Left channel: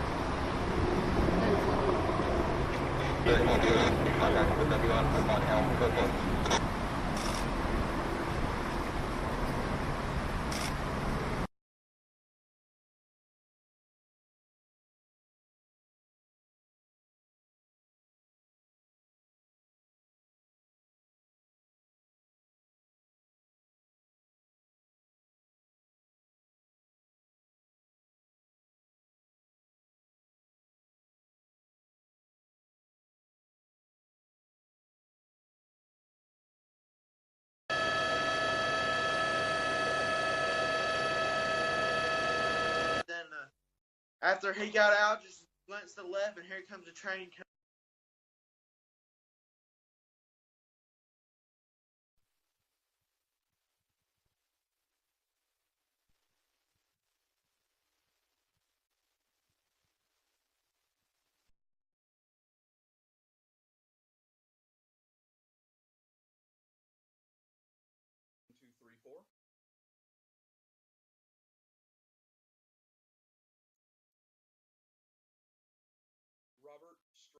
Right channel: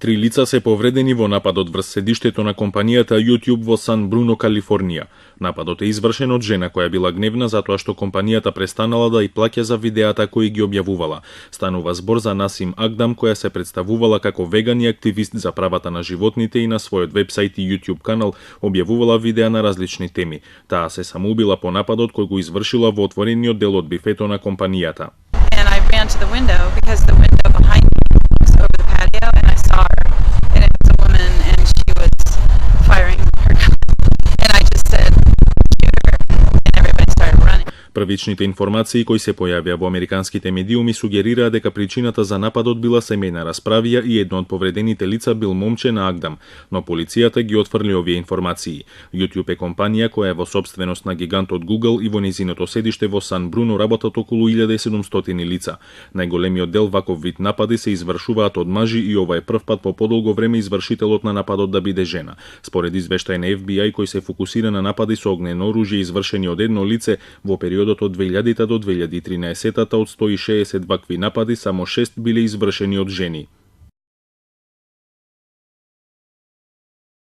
Три лица се повредени во нападот врз седиштето на компанијата YouTube во Сан Бруно, Калифорнија. Нападот е извршен од жена која била гневна затоа што компанијата престанала да и плаќа за видеата кои ги објавувала. Станува збор за Насим Агдам, која се представувала како веган и активист за правата на животните и на својот вебсајт и YouTube канал објавувала видеа на различни теми. Таа се самоубила по нападот кој го извршила во отворениот дел од бифето на компанијата. And I ran to the window because the window behind me looks over the patio, and I saw her, and it was a woman, and she was firing her gun, and I just said, shoot her, and everybody started running. Првичните информации кои се појавија во американските медиуми сугерираа дека причината за нападот била семејна расправија и едно од повредените лица бил момче на Агдам, но полицијата ги отфрли овие информации. YouTube е компанија која е во сопственост на гигантот Google и во незиното седиште во Сан Бруно работат околу 1700 лица. Најголемиот дел ваков вид напади се извршуваат од мажи и ова е прв пат по подолго време извршителот на нападот да биде жена. Според извештај на FBI кој се фокусира на напади со огнено оружје извршени од едно лице во периодот од 2000 до 2013 од 160 вакви напади само 6 биле извршени од жени.